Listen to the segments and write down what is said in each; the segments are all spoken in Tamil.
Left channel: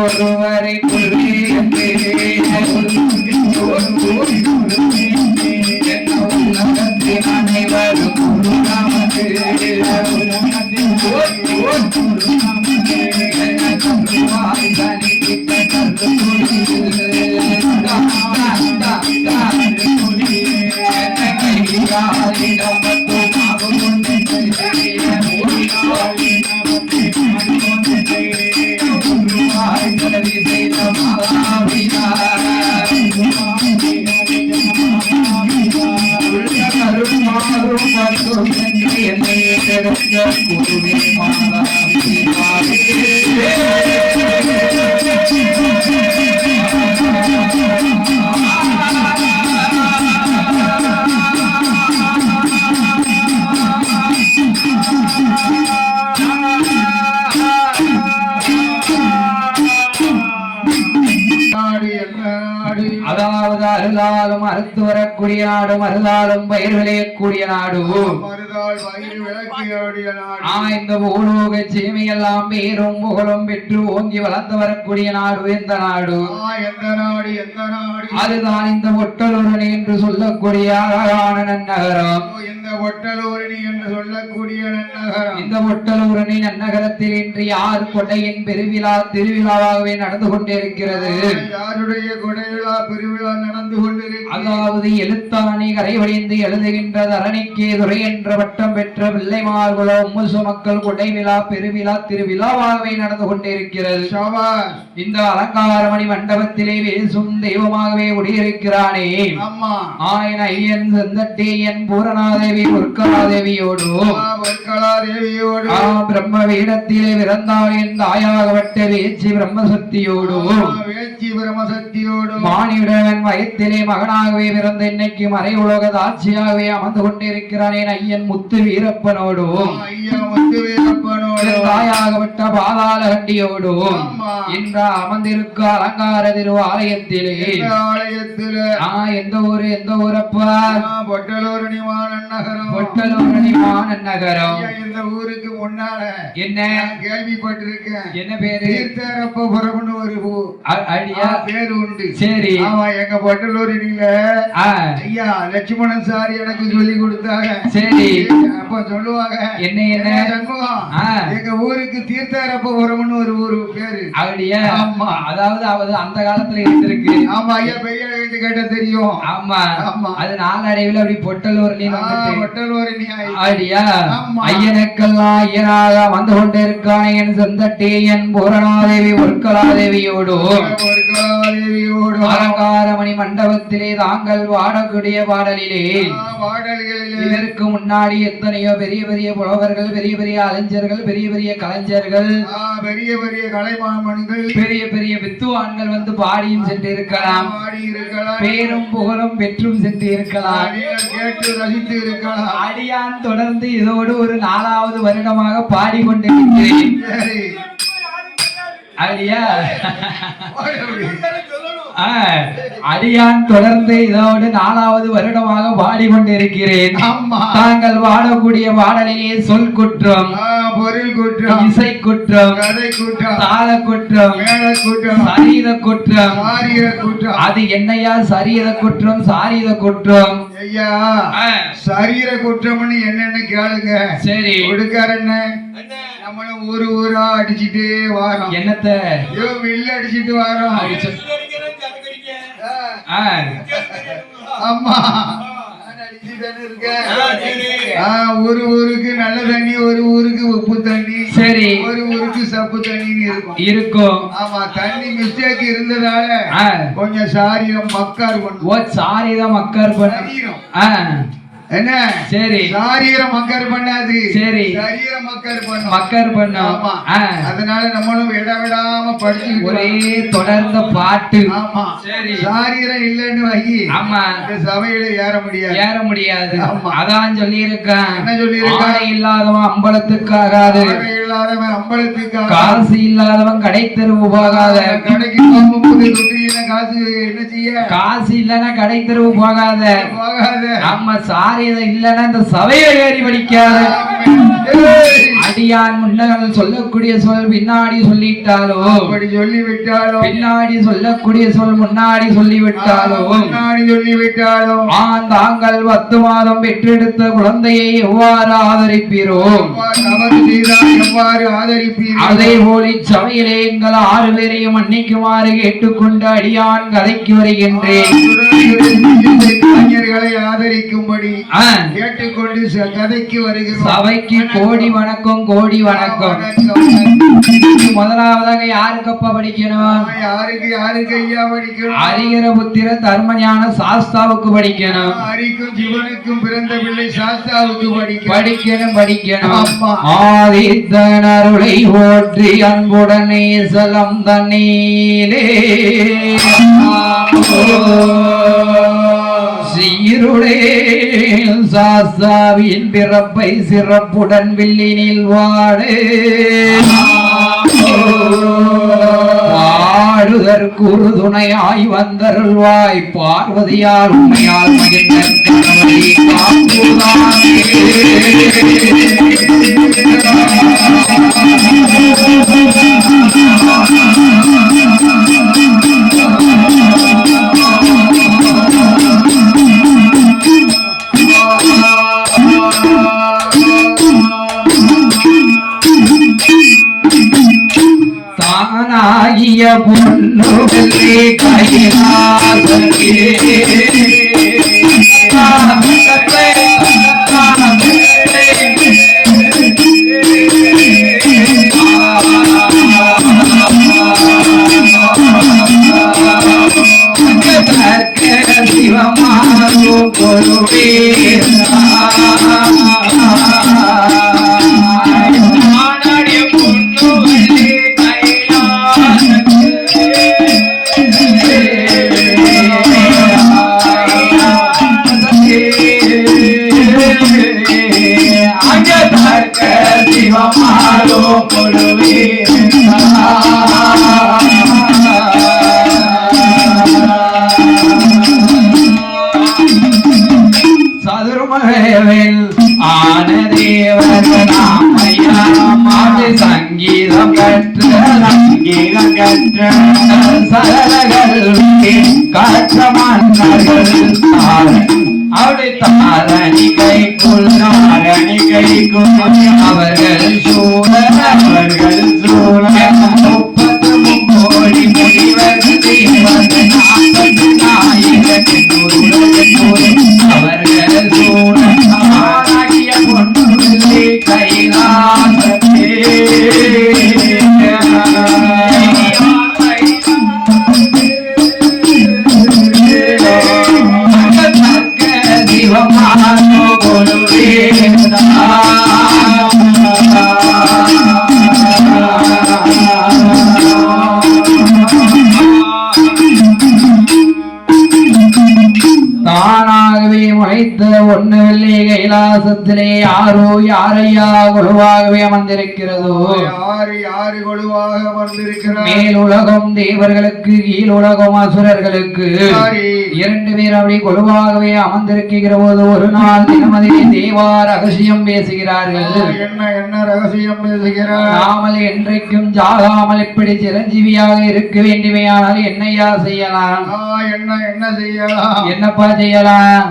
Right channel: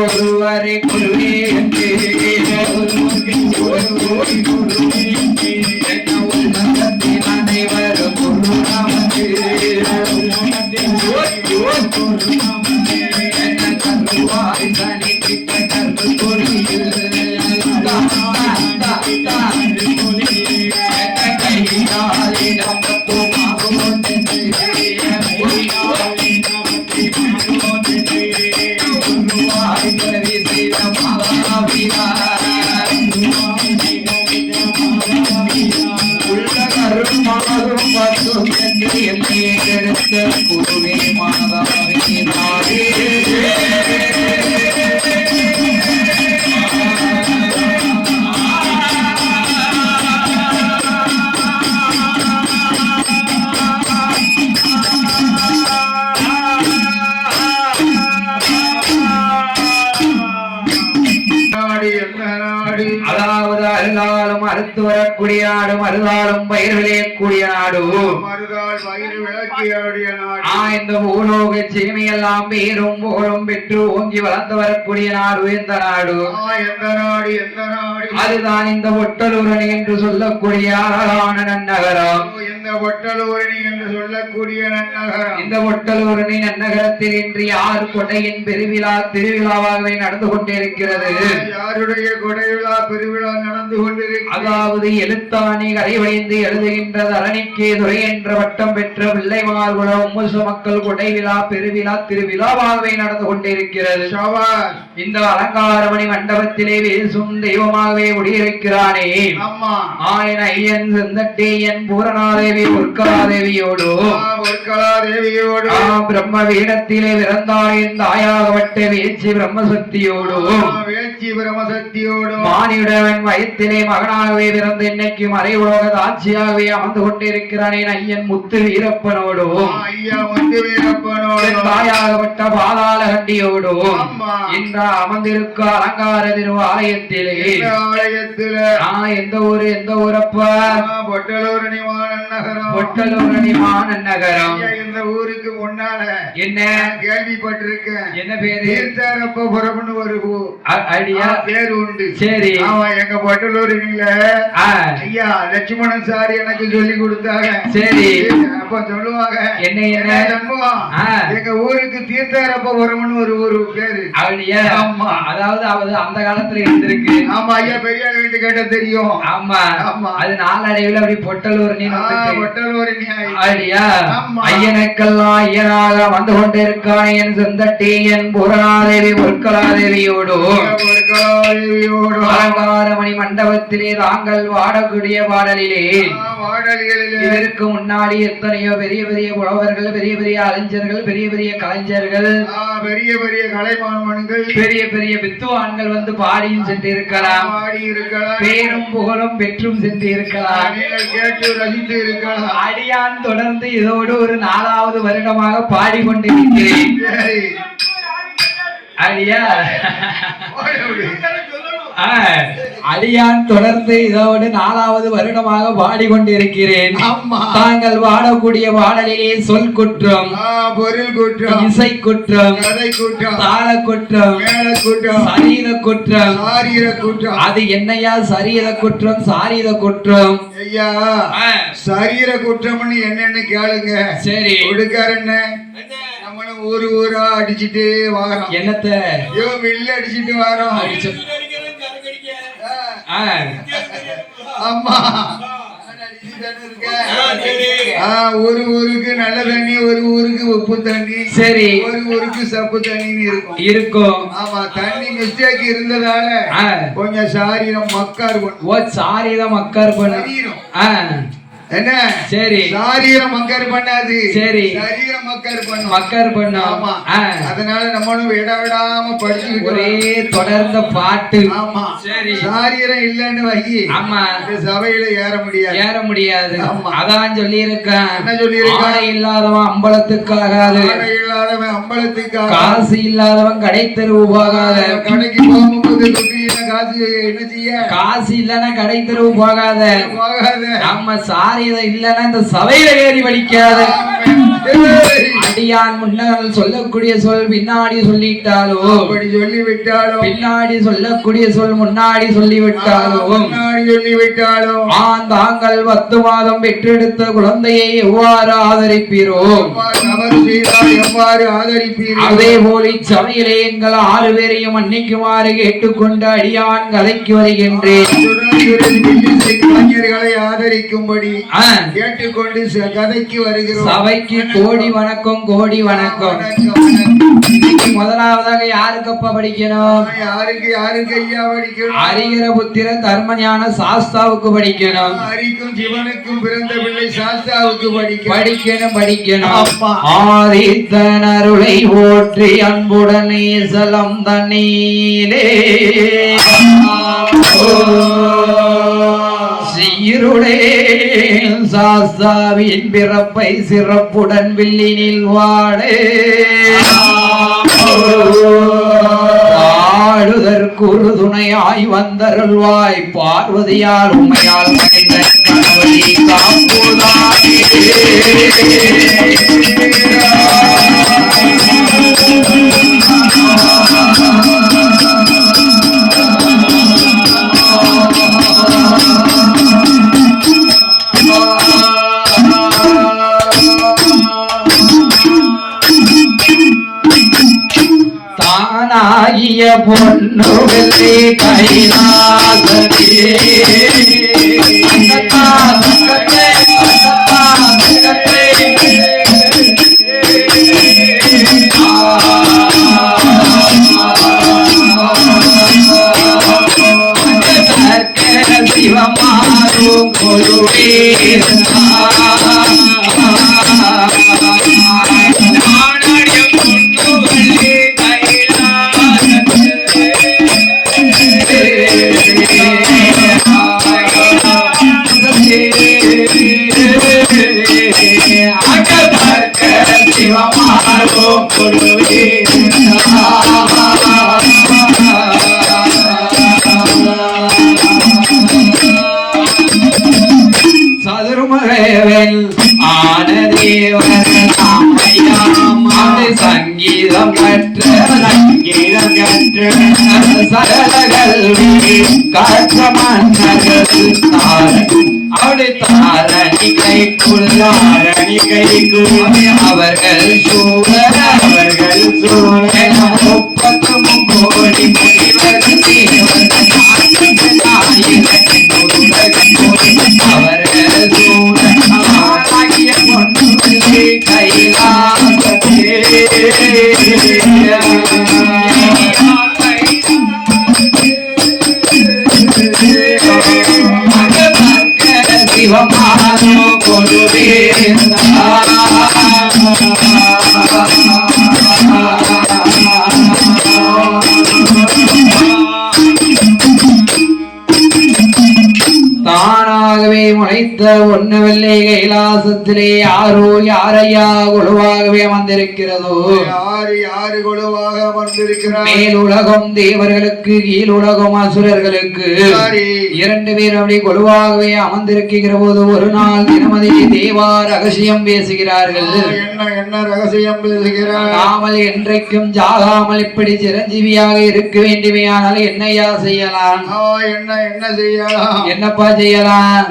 ஒருவரை அனைவரும் அதாவது அருளாலும் அறுத்து வரக்கூடிய நாடு மறுதாலும் பயிர் விளையக்கூடிய நாடு இந்த பூலோக சீமையெல்லாம் பேரும் புகழும் பெற்று ஓங்கி வளர்ந்து வரக்கூடிய நாடு எந்த நாடு அதுதான் இந்த ஒட்டலூரணி என்று சொல்லக்கூடிய அழகான நன்னகரம். இந்த ஒட்டலூரணி என்று சொல்லக்கூடிய நன்னகரம், இந்த ஒட்டலூரணி நன்னகரத்தில் இன்று யார் கொடையின் திருவிழாவாகவே நடந்து கொண்டிருக்கிறது. யாருடைய கொடைவிழா பெருவிழா நடந்து கொண்டிருக்கிறது. அதாவது எழுத்தாணி கரைவழிந்து எழுதுகின்ற தரணிக்கே துறை என்ற பட்டம் பெற்ற பிள்ளைமார்குல முசு மக்கள் கொடைவிழா பெருவிழா திருவிழாவாகவே நடந்து கொண்டிருக்கிறது. இந்த அலங்காரமணி மண்டபத்திலே பேசும் தெய்வமாகவே முடியிருக்கிறானே ஆயன் ஐயன் செந்தட்டேயன் பூரணாதேவி உற்கலாதேவியோடு பிரம்ம வீடத்திலே பிறந்தாளின் தாயாகப்பட்ட வேச்சி பிரம்மசக்தியோடு மானியுடவன் வயத்திலே மகனாகவே பிறந்த இன்னைக்கு மறை உலக தாட்சியாகவே அமர்ந்து கொண்டிருக்கிறானே ஐயன் முத்து வீரப்பனோடு தாயாகப்பட்ட பாதாள கண்டியோடு இந்த அமர்ந்திருக்க அலங்கார திரு ஆலயத்திலே எந்த ஊரு எந்த ஊரப்பா பொட்டலூரணி மாநகரம். இந்த ஊருக்கு முன்னால என்ன கேள்விப்பட்டிருக்கேன், என்ன பேரு தீர்த்தாரப்பபுரம்னு ஒரு ஐடியா பேரு உண்டு. சரி, ஆமா, எங்க பொட்டலூரணியில ஐயா லட்சுமணன் சார் எனக்கு சொல்லி கொடுத்தாங்க. சரி, அப்ப சொல்லுவாங்க என்ன என்ன எங்க ஊருக்கு தீர்த்தாரப்பபுரம்னு ஒரு ஊரு பேரு ஐடியா. ஆமா, அதாவது அந்த காலத்துல இருந்திருக்கு. ஆமா ஐயா, பெரிய வீட்டு கேட்ட தெரியும். ஆமா ஆமா, அது நாளடைவில் அப்படி பொட்டலூரணி ஐடியா. ஐயனுக்கெல்லாம் ஐயனாக வந்து கொண்டிருக்கான என் செந்தட்டேயன் பூரணாதேவி உற்கலாதேவியோடு அலங்காரமணி மண்டபத்திலே தாங்கள் பாடக்கூடிய பாடலிலே இதற்கு முன்னாடி எத்தனையோ பெரிய பெரிய புலவர்கள், பெரிய பெரிய அறிஞர்கள், பெரிய பெரிய கலைஞர்கள், பெரிய பெரிய கலைமான்கள், பெரிய பெரிய வித்துவான்கள் வந்து பாடியும் சென்று இருக்கலாம், பேரும் புகழும் பெற்றும் சென்று இருக்கலாம், கேட்டு ரசித்து இருக்கலாம். அடியான் தொடர்ந்து இதோடு ஒரு 4வது வருடமாக பாடிக்கொண்டிருக்கிறேன். ஐயா அடியான் தொடர்ந்து இதோடு 4வது வருடமாக பாடிக்கொண்டிருக்கிறேன். தாங்கள் பாடக்கூடிய பாடலிலே சொல் குற்றம், பொருள் குற்றம், இசை குற்றம், கதை குற்றம், தாள குற்றம், மேள குற்றம், சரீர குற்றம், சாரீர குற்றம். அது என்னையா சரீர குற்றம் சாரீர குற்றம்? ஐயா சரீர குற்றம்னு என்னன்னு கேளுங்க. சரி, கொடுக்காரு என்ன நம்மளும் ஊரா அடிச்சுட்டு வாரோம். என்னத்த மில்ல அடிச்சுட்டு வாரோம். ஆமா, ஒரு ஊருக்கு நல்ல தண்ணி, ஒரு ஊருக்கு உப்பு தண்ணி, சரி, ஒரு ஊருக்கு சப்பு தண்ணி இருக்கும். ஆமா, தண்ணி மிஸ்டேக் இருந்ததால கொஞ்சம் சாரீரம் மக்கார் பண்ணும். சாரீரம் மக்கார் பண்ணும். என்ன சரி சாரீரம் மக்கர் பண்ணாது சரி சரீரம் மக்கர் பண்ணும் மக்கர் பண்ணும் அதனால நம்மளும் விடாம படிச்சு ஒரே தொடர்ந்த பாட்டு ஆமா சரி சாரீரம் இல்லன்னு வை ஆமா சபையில ஏற முடியாது அதான் சொல்லி இருக்கேன் என்ன சொல்லி இருக்கான் இல்லாதவன் அம்பலத்துக்காகாது இல்லாதவன் அம்பலத்துக்காக காசு இல்லாதவன் கடை தெருவு போகாத கடைக்கு போகும்போது காசு என்ன செய்ய காசு இல்லன்னா கடை தெருவு போகாத நம்ம சாரியதை இல்லன்னா இந்த சபையில ஏறி படிக்காத அடியான் முன்னால் சொல்லக்கூடிய சொல் பின்னாடி சொல்லிட்டாலோ அப்படி சொல்லிவிட்டாலோ பின்னாடி சொல்லக்கூடிய சொல் முன்னாடி சொல்லிவிட்டாலோ தாங்கள் 10 மாதம் பெற்றெடுத்த குழந்தையை எவ்வாறு ஆதரிப்பீரோ எவ்வாறு ஆதரிப்பீரோ அதே போல் இச்சபையிலே எங்கள் 6 பேரையும் மன்னிக்குமாறு கேட்டுக்கொண்டு அடியான் கதைக்கு வருகின்றேன். கலைஞர்களை ஆதரிக்கும்படி கேட்டுக்கொண்டு கதைக்கு வருகிறோம். சபைக்கு கோடி வணக்கம், கோடி வணக்கம். முதலாவதாக யாருக்கப்பா படிக்கணும்? யாருக்கு ஐயா படிக்கணும்? அரிகர புத்திர தர்மஞான சாஸ்தாவுக்கு படிக்கணும். அரிக்கும் ஜீவனுக்கும் பிறந்த பிள்ளை சாஸ்தாவுக்கு படிக்கணும். ஆதித்தன் அருளை போற்றி அன்புடனே சலம் தண்ணீரே சீருடே சாஸ்தாவின் பிறப்பை சிறப்புடன் வில்லினில் வாழே ஆடுதற்குரு துணையாய் வந்தருள்வாய் பார்வதியால் உண்மையால் மகிழ்ந்த கணவதி காப்புதானே. தானாகிய பொண்ணு வெள்ளி கைலாசே சிவமாரோ பொருளே சதுர்மகவேல் ஆனதேவர்கள் சங்கீதம் கற்ற சகல கல்வி கற்ற மன்னர்கள் அவளை தாரணிகைக்குள் அவர்கள் சூழல் 30 கோடி முனிவர்கள் அவர்கள் சூழலாகிய பொன்னுள்ளே கைலாசத்தே சிவமானோ பொருளேந்தா தானாகவே முளைத்த ஒண்ணுவில்லை கைலாசத்திலே யாரையா குழுவாகவே அமர்ந்திருக்கிறதோ யாரு குழுவாக அமர்ந்திருக்கிறார். மேல் உலகம் தேவர்களுக்கு, கீழ் உலகம் அசுரர்களுக்கு 2 பேர் அப்படி குழுவாகவே அமர்ந்திருக்கிற போது ஒரு நாள் தினமதி தேவா ரகசியம் பேசுகிறார்கள். என்ன ரகசியம் பேசுகிறார்? நாமல் என்றைக்கும் ஜாகாமல் இப்படி சிரஞ்சீவியாக இருக்க வேண்டுமையானால் என்னையா செய்யலாம்? என்ன செய்யலாம்? என்னப்பா செய்யலாம்?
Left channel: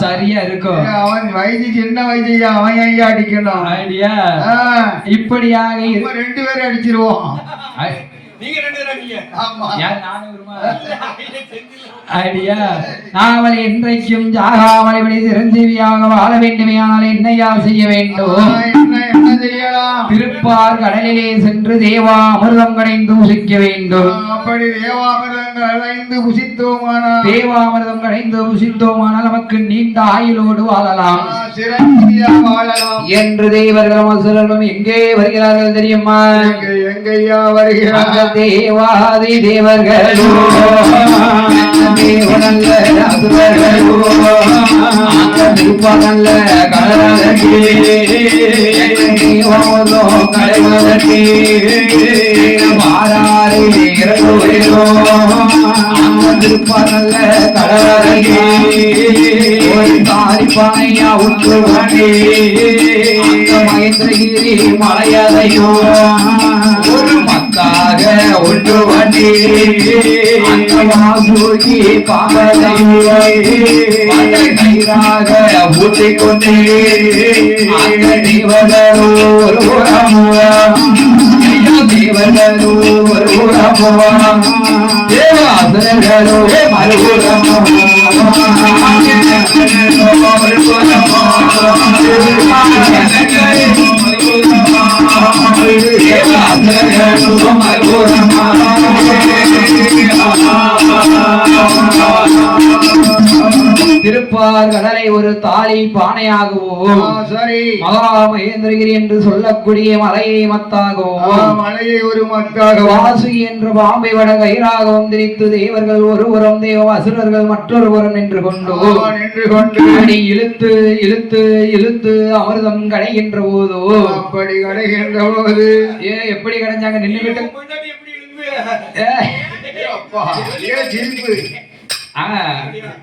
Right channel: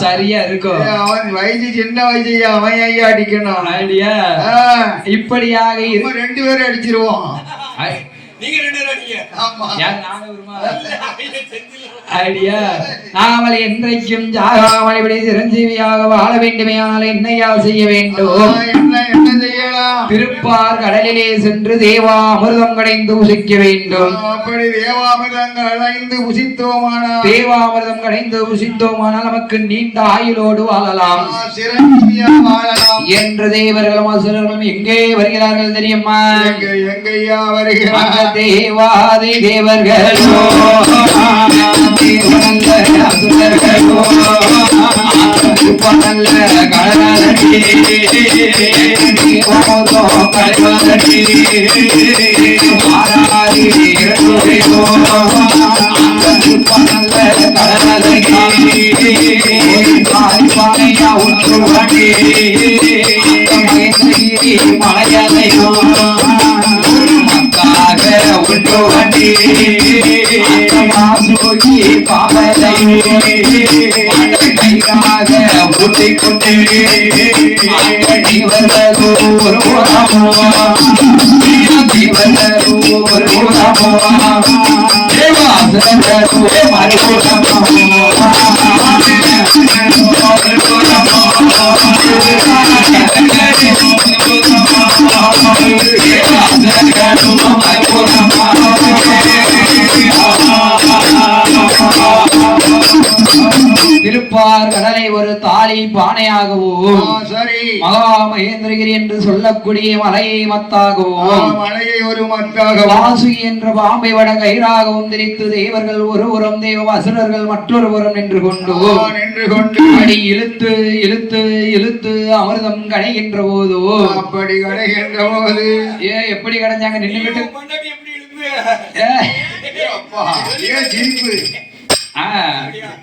சரியா இருக்கும். அவன் வயசு சின்ன வயசு, அவன் ஐயா அடிக்கணும். ஐடியா இப்படியாக 2 பேரும் அடிச்சிருவோம். நீங்க 2 பேரும் அடிங்க. ஆமா. யார்? நானே வருமா? ஐடியா நாமல் என்றைக்கும் ஜாகாமல் இப்படி சிரஞ்சீவியாக வாழ வேண்டுமையானால் என்னையா செய்ய வேண்டும்? என்ன செய்யலாம்? திருப்பார் கடலிலே சென்று தேவா அமிர்தம் கடைந்து புசிக்க வேண்டும். அப்படி தேவாமிர்தங்கள் அடைந்து புசித்தோமானால் தேவாமிர்தம் கடைந்து புசித்தோமானால் நமக்கு நீண்ட ஆயுளோடு வாழலாம், சிரஞ்சீவியாக வாழலாம் என்று தேவர்களும் அசுரர்களும் எங்கே வருகிறார்கள் தெரியுமா? எங்கய்யா வருகிறார்கள்? தேவாதி தேவர்களோ தேவனல்ல அசுரர்களோ திருப்பனல்ல கடலடி தேவமதோ கலைவதடி மாறாரி இரண்டுரையோ திருப்பனல்ல கடலடி ஒரு தாய் பனையா உற்றுவடி மகேந்திரகிரி மலையதையோ ஒரு மக்காக உற்றுவடி மாசுகி பாவலையே கைராக ஊட்டிக் கொண்டே தேவதரு ஒரு ஊரமுவா தேவதரு ஒரு ஊரமுவா தேவாசுரரு மறுபுறமுவா திருப்பார் கடலை ஒரு தாலி பானையாகவும் சரி மகா மகேந்திரகிரி என்று சொல்லக்கூடிய மலையை மத்தாகவும் மலையை ஒரு மத்தாக வாசுகி என்ற பாம்பை வட கயிறாகவும் திரித்து தேவர்கள் ஒரு புறம் தேவ அசுரர்கள் மற்றொரு புறம் நின்று கொண்டு அடி இழுத்து இழுத்து இழுத்து அமிர்தம் கடைகின்ற போதோ அப்படி கடைகின்ற போது எப்படி கடைஞ்சாங்க நின்னுகிட்டு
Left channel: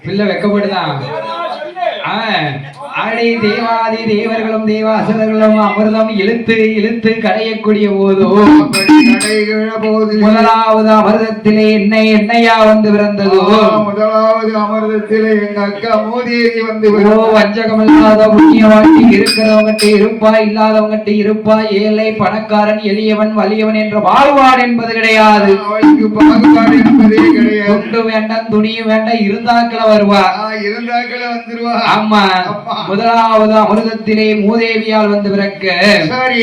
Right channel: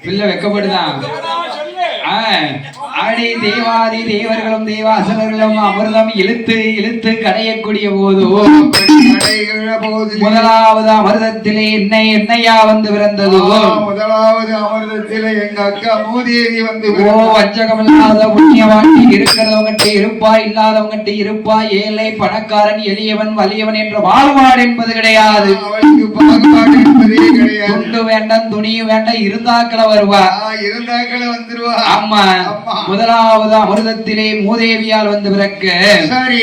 பிள்ளை வெக்கப்படுதான் ஆடி தேவாதி தேவர்களும் தேவாசனர்களும் அமிர்தம் இழுத்து இழுத்து கடையக்கூடிய போதோ முதலாவது அமிர்தத்திலே என்னையா வந்து பிறந்ததோ முதலாவது அமிர்தத்திலே எங்க அக்கா மூதேவி வந்து வஞ்சகம் இல்லாத புண்ணியவாட்டி இருக்கிறவங்கிட்ட இருப்பா இல்லாதவங்கிட்ட இருப்பா ஏழை பணக்காரன் எளியவன் வலியவன் என்ற பாகுபாடு என்பது கிடையாது. அவளுக்கு பாகுபாடு என்பதே கிடையாது. துண்டு வேண்டாம் துணியும் வேண்டாம் இருந்தாக்கள வருவா இருந்தாக்கள வந்துருவா. ஆமா முதலாவது அமிர்தத்திலே மூதேவியால் வந்து பிறக்க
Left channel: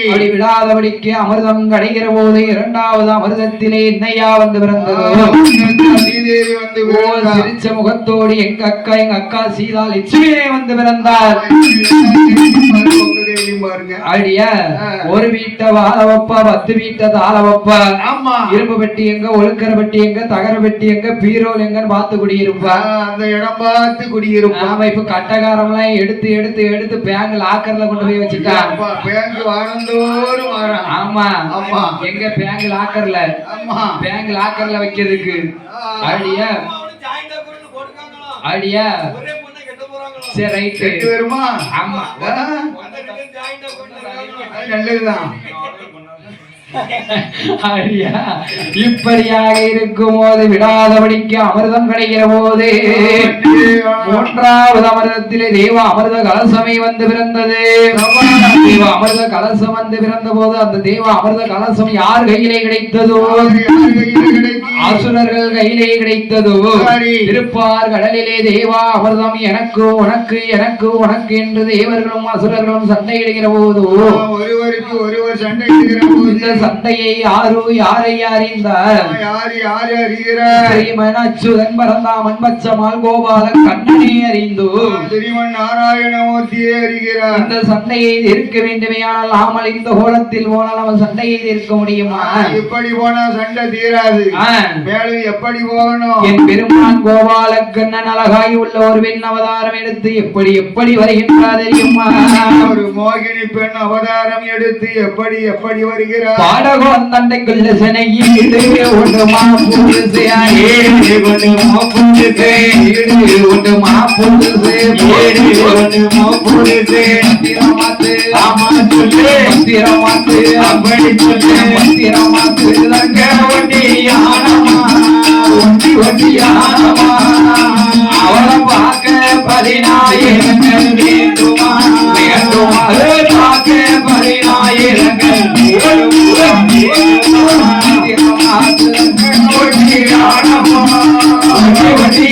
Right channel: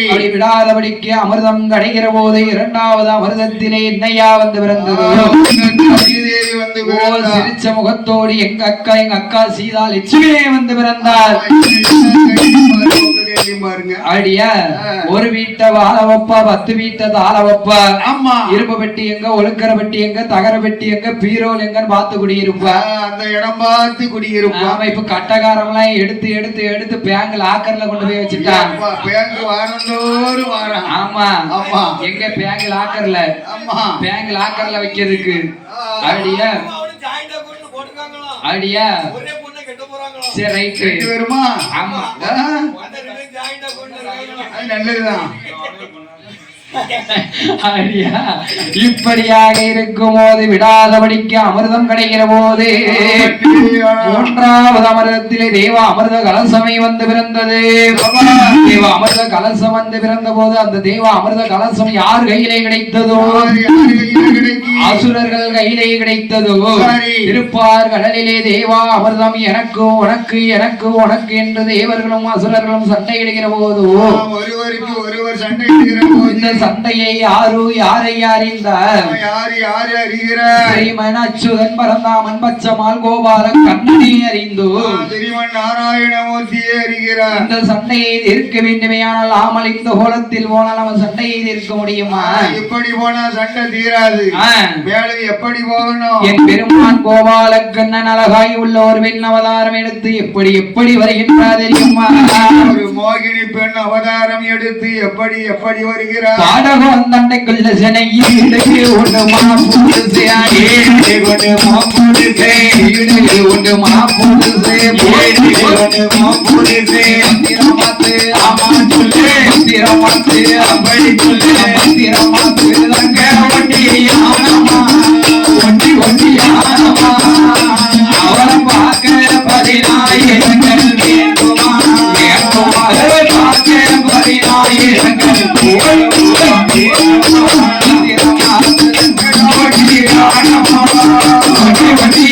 அப்படி விடாதபடிக்கு அமிர்தம் கிடைக்கிற போது இரண்டாவது அமிர்தத்திலே என்னையா வந்து பிறந்ததோ சிரிச்ச முகத்தோடு எங்க அக்கா சீதா லட்சுமியே வந்து பிறந்தார். அடியா ஒரு வீட்டை வாழ வைப்பா 10 வீட்டை தாழ வைப்பா. ஆமா இரும்பு பெட்டி எங்க ஒழுக்கற பெட்டி எங்க தகர பெட்டி எங்க பீரோல் எங்கன்னு பார்த்து குடியிருப்பா. அந்த இடம் பார்த்து குடியிருப்பா. ஆமா இப்ப கட்டகாரம் எல்லாம் எடுத்து எடுத்து எடுத்து பேங்க் லாக்கர்ல கொண்டு போய் வச்சுட்டாங்க. பேங்க் வாரந்தோறும் வாரம். ஆமா ஆமா எங்க பேங்க் லாக்கர்ல. ஆமா பேங்க் லாக்கர்ல வைக்கிறதுக்கு. அடியா அடியா சரி ரைட் வருமா? ஆமா நல்லதுதான். இப்படியாக இருக்கும் போது விடாதபடிக்கு அமிர்தம் கிடைக்கிற போது மூன்றாவது அமிர்தத்திலே தேவ அமிர்த கலசமே வந்து பிறந்தது. தேவ அமிர்த கலசம் வந்து பிறந்த போது அந்த தேவ அமிர்த கலசம் யார் கையிலே கிடைத்ததோ அசுரர்கள் கையிலே கிடைத்ததோ. திருப்பார் கடலிலே தேவா அமிர்தம் எனக்கு உனக்கு எனக்கு உனக்கு என்று தேவர்களும் அசுரர்களும் சண்டை கிடைக்கிற போது ஒருவருக்கு ஒருவர் சண்டை இடுகிற போது சண்டையை யாரை அறிந்தார்? அச்சுதன் பரந்தாமன் பச்சமால் கோபாலன் கண்ணனை அறிந்து நாராயணமூர்த்தியை அறிகிறார். இந்த சண்டையை இருக்க வேண்டுமையானால் ஆமல் இந்த கோலத்தில் போனால் அவன் சண்டையை இருக்க முடியுமா? இப்படி போனா சண்டை தீராது. மேலும் எப்படி போகணும்? என் பெருமான் கோபால கண்ணன் அழகாய் உள்ள ஒரு பெண் அவதாரம் எடுத்து எப்படி எப்படி வருகின்றார் தெரியுமா? ஒரு மோகினி பெண் அவதாரம் எடுத்து எப்படி எப்படி வருகிறார்? பாடகோன் தண்டைக்குள்ள சென்னையிலே ஒன்று மாப்புடுசே ஏழு ஒன்று மாப்புடுசே ஏழு ஒன்று மாப்புடுசே ஏழு ஒன்று மாப்புடுசே திரமாத்து ஆமா சொல்லு திரமாத்து அப்படி சொல்லு திரமாத்து தங்க வண்டி ஆனமா வண்டி வண்டி ஆனமா அவரை பார்க்க 10,000 வேண்டுமா வேண்டுமா பார்க்க 10,000 வண்டி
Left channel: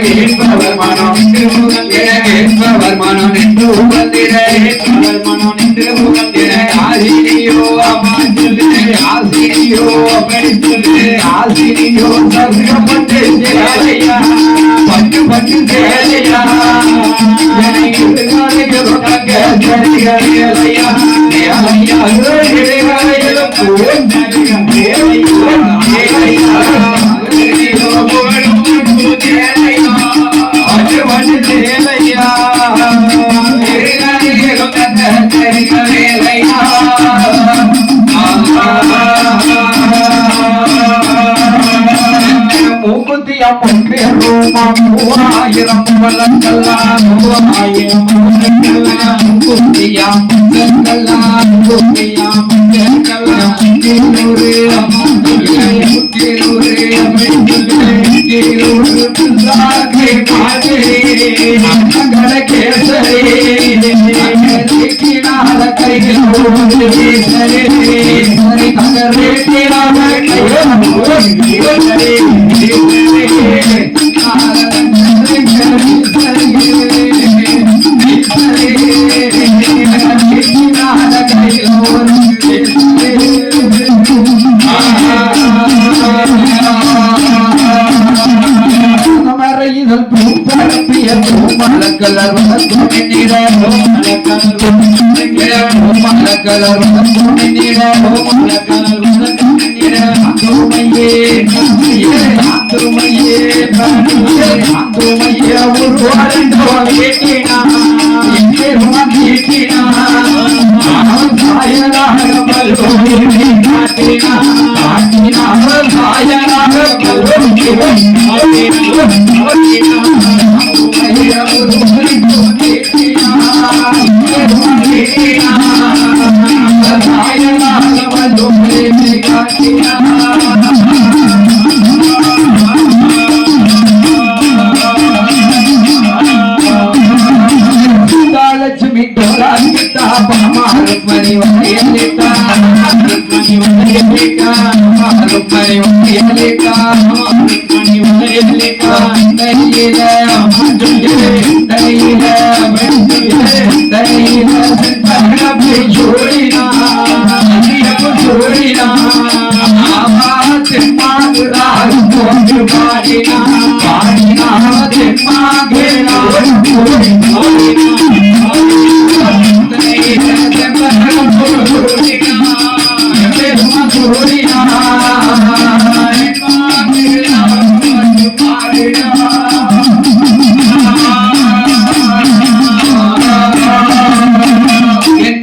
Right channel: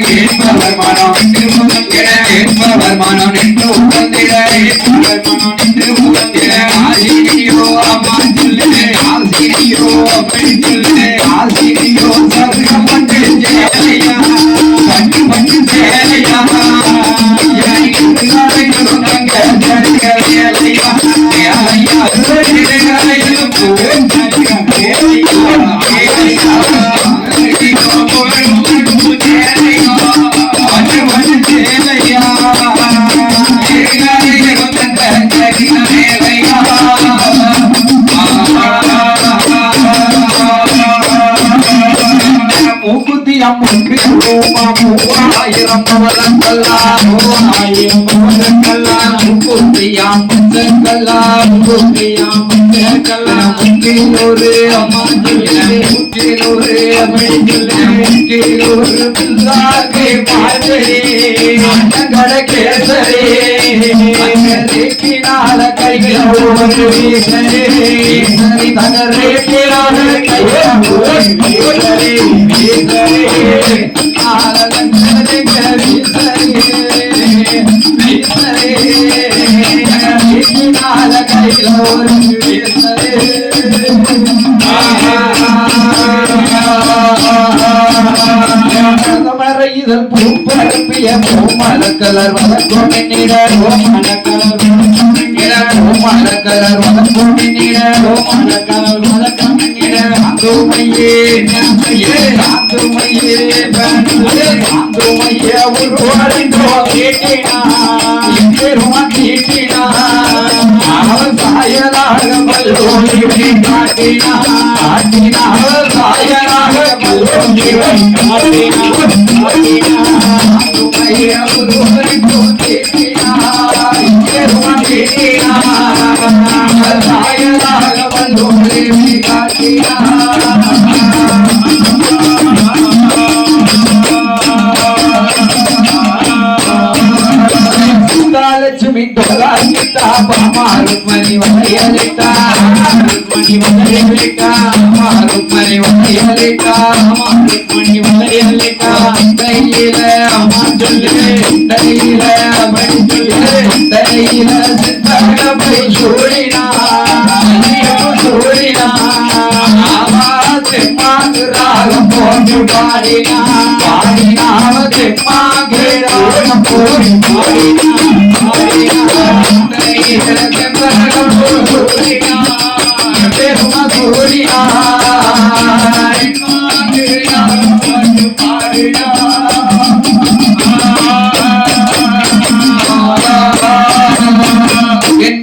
கேட்பவர் மனம் நின்று முகந்திட கேட்பவர் மனம் நின்று முகந்திட கேட்பவர் மனம் நின்று முகந்திட ஆசிரியோ அம்மா சொல்லு ஆசிரியோ அப்படி சொல்லு ஆசிரியோ சதுரம் பட்டு சேலையா பட்டு பட்டு சேலையா மூவாயிரம் வளர்க்கலாம் மூவாயிரம் வளர்க்கலாம் புத்தியாம் கல்லாம் புத்தியாம் கல்லாம் ஒரு அமர்ந்துள்ளே அமர்ந்துள்ளே புல்லாகே பாடலே கடகேசரே தேக்கினால கையில் ஒரு வீசரே தகரே கேளாத கையில்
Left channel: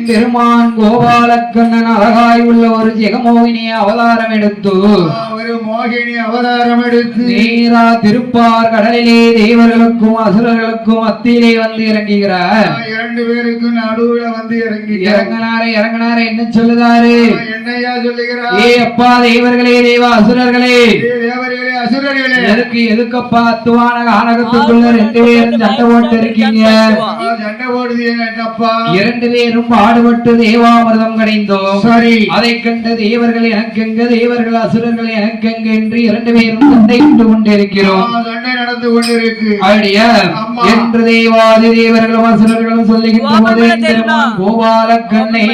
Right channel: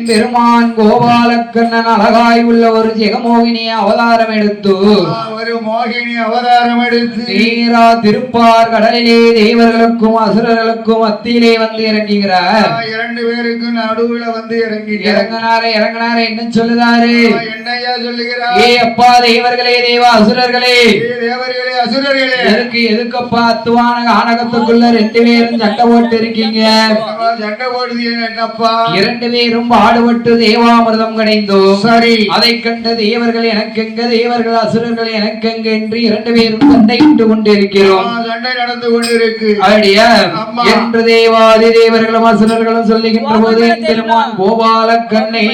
பெருமான் கோபாலக்கண்ணன் அழகாய் உள்ள ஒரு ஜெகமோகினிய அவதாரம் எடுத்து ஒரு மோகினி அவதாரம் எடுத்து நீரா திருப்பார் கடலிலே தேவர்களுக்கும் அசுரர்களுக்கும் மத்தியிலே வந்து இறங்குகிறார். இரண்டு பேருக்கும் நடுவுல வந்து இறங்கினாரே என்ன சொல்லுதாரு? என்னையா சொல்லுகிறார்? ஏ அப்பா தேவர்களே தேவ அசுரர்களே தேவர்களே அசுரர்களே எதுக்கப்பா அத்துவான ஆனகத்துக்குள்ள ரெண்டு பேரும் சண்டை போட்டு இருக்கீங்க? சண்டை போடுது என்னப்பா? இரண்டு பேரும் பாடுபட்டு தேவாமிர்தம் கிடைந்தோம். சரி, அதை கண்ட தேவர்கள் எனக்கெங்க தேவர்கள் அசுரர்கள் எனக்கெங்க என்று இரண்டு பேரும் சண்டை விட்டு கொண்டிருக்கிறோம். சண்டை நடந்து கொண்டிருக்கு அப்படியா என்று தேவாதி தேவர்களும் அசுரர்களும் சொல்லுகின்ற போது கோபாலக்கண்ணே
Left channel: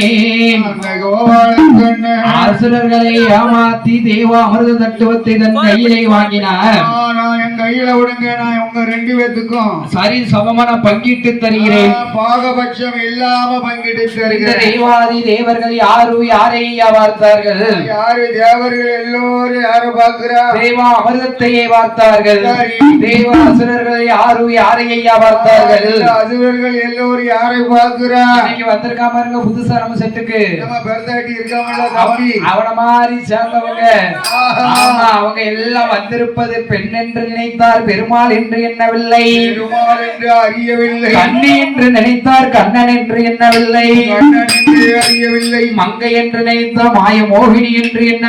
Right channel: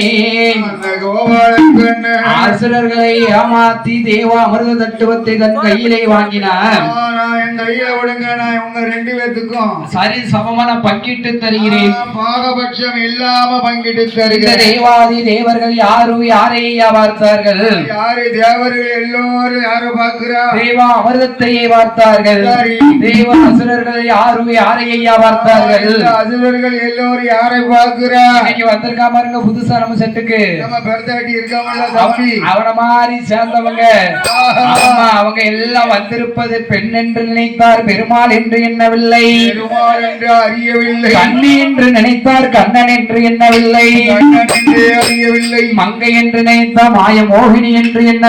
அசுரர்களை ஏமாத்தி தேவா அமிர்த தட்டுவத்தை தன் கையிலே வாங்கினார். என் கையில விடுங்க, நான் உங்க ரெண்டு பேத்துக்கும் சரி சமமான பங்கிட்டு தருகிறேன். பாகபட்சம் இல்லாம பங்கிட்டு தருகிறேன். தேவாதி தேவர்கள் யாரை பார்த்தார்கள்? யாரு தேவர்கள் எல்லோரும் யாரு பார்க்கிறா? தேவா அமிர்தத்தையே பார்த்தார்கள். தேவ அசுரர்கள் யாரை பார்த்தார்கள்? அசுரர்கள் எல்லோரும் யாரை பார்க்கிறா? இன்னைக்கு வந்திருக்காம இருங்க புதுசா நம்ம செட்டுக்கு அவன மாதிரி சேர்ந்தவங்க. அவங்க எல்லாம் வந்திருப்பது பெண் என்று நினைத்தார், பெருமாள் என்று எண்ணவில்லை. பெருமாள் என்று அறியவில்லை. கண்ணி என்று நினைத்தார், கண்ணன் என்று எண்ணவில்லை. கண்ணன் என்று அறியவில்லை. மங்கை என்று நினைத்தார், மாய மோகினி என்று எண்ண